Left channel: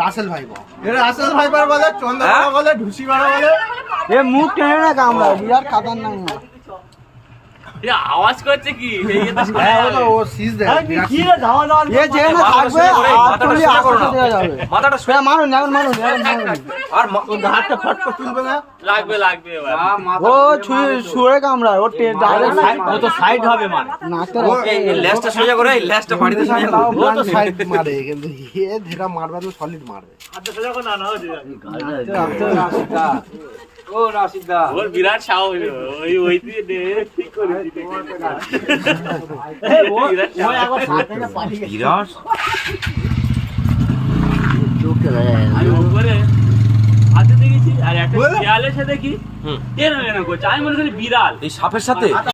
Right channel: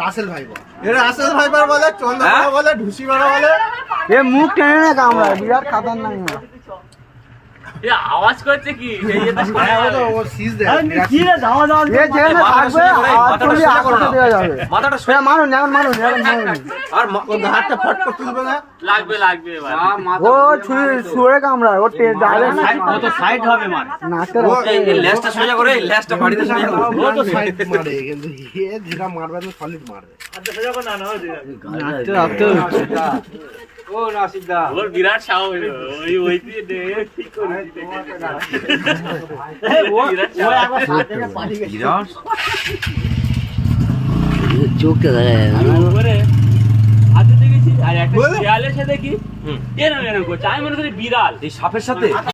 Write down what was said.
রাসেল ভাইবার বলে, চন্দ্রবাবু বলে, ঢুসি মারা বলে। এ মুখ টেনে না কামড়া, বিরাট খাতারনাক না। আওয়াজ করছে কি? ও সিজ দেয়। কি রে যাওয়া যাওয়া এ যেখানে থাকবে আটলি আকাশে দেওয়া যাবে। মাথাটা সে মারুন এখন মারুন আর হাতটা ফট করে তুলবে না। লাগবে এবার। ও ছুঁড়ে কামড়ায়, ও ডাইরেক্ট ও তো সাইড হবে মানে নাকে এই লেজটা সোজা করে, এই লেজটা বাড়িতে সোজা করে। ও তো সাইড মারে, কিন্তু এ যেটা মারবে তো সলিড মারবে। ও রাশিদা ওর বিরাট সাহস, ওই দিয়ে ঠিক করে দিতে। ও একবার সাথে পাঠিয়ে গেছে। বিরাট চোখে উপরে হাতে দেখেছি আর একটা দেয়ালের সাথে কি এরকম করছে। আমি মনে করি বিড়াল এই সাপের সাথে